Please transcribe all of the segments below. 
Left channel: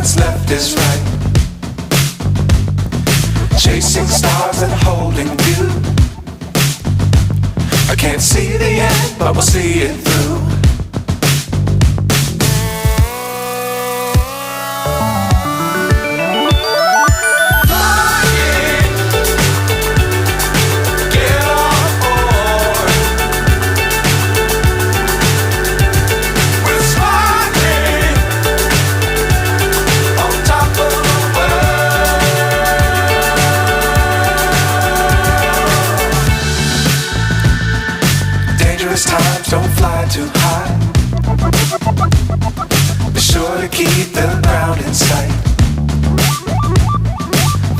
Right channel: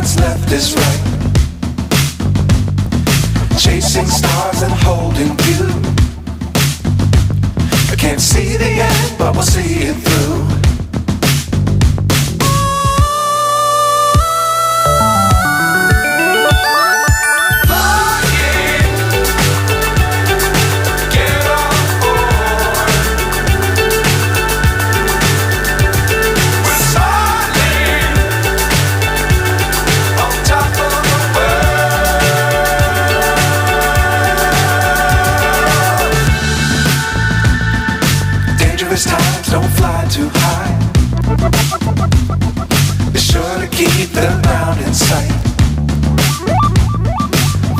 what's left is right. Chasing stars and holding you. I can't see the end, but we'll see it through. Times don't fly too high. Be sure to keep the ground in sight.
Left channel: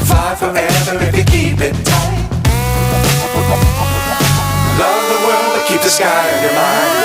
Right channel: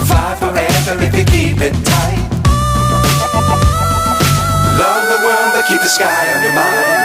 Fly forever if you keep it tight. Love the world but keep the sky on your mind.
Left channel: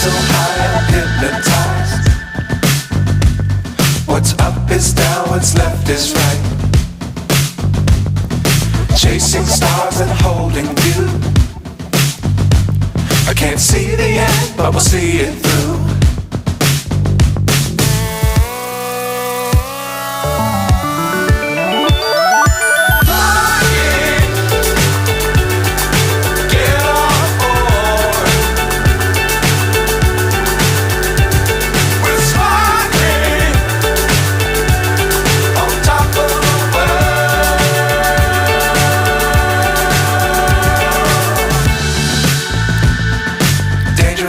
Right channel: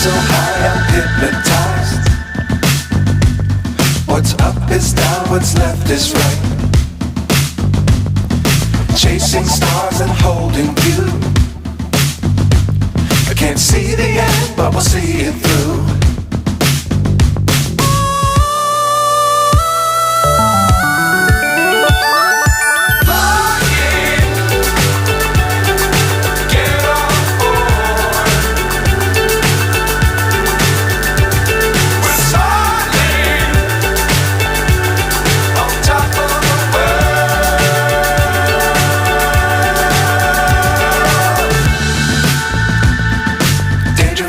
So high I'm hypnotized. What's up is down, what's left is right. Chasing stars and holding you. I can't see the end, but we'll see it through.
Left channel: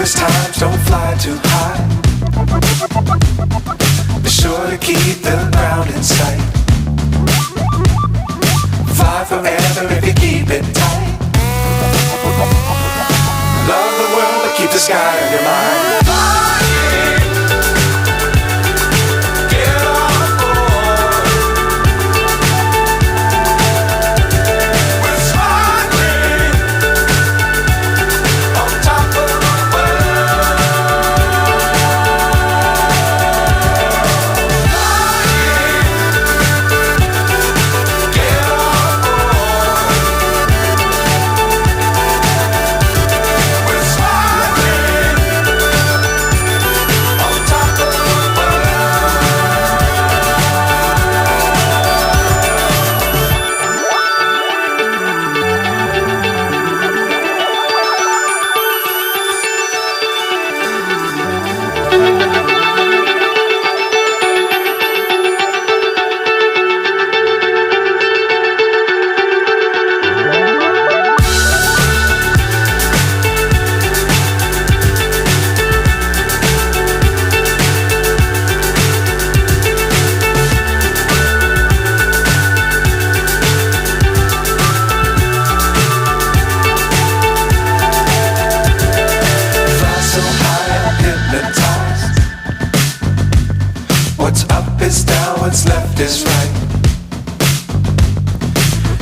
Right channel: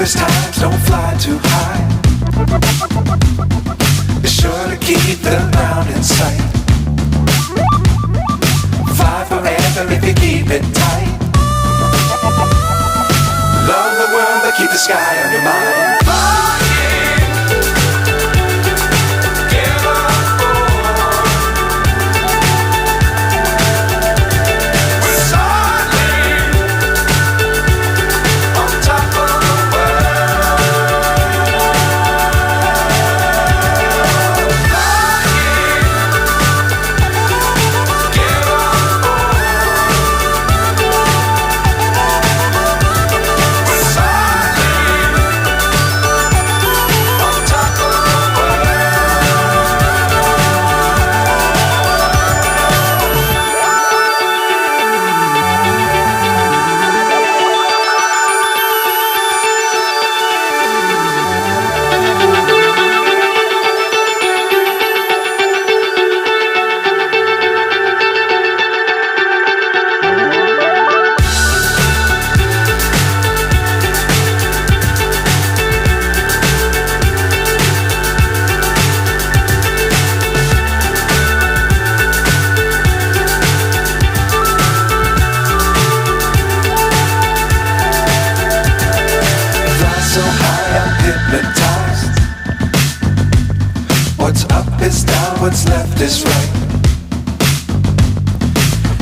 Times don't fly too high. Be sure to keep the ground in sight. Fly forever if you keep it tight. Love the world but keep the sky on your mind. So high I'm hypnotized. What's up is down, what's left is right.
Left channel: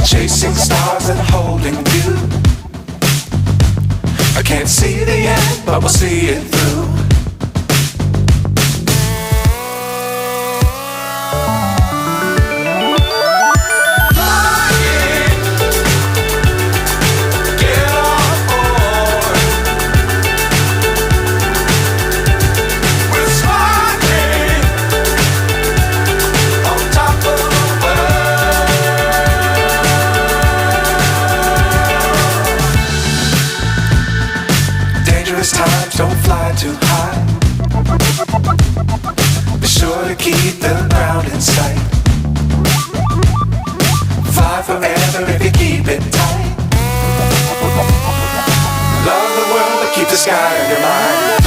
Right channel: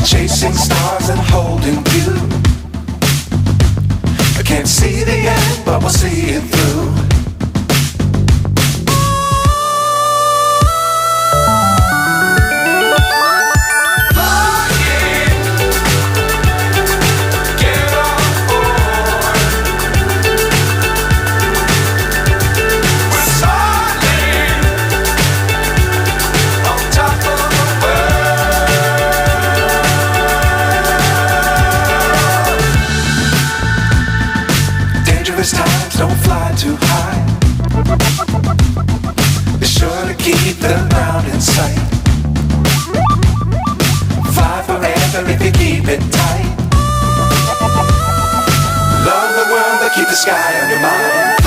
Chasing stars and holding you. I can't see the end, but we'll see it through. Top of keep the ground in sight. Fly forever if you keep it tight. Love the world but keep the sky on your mind.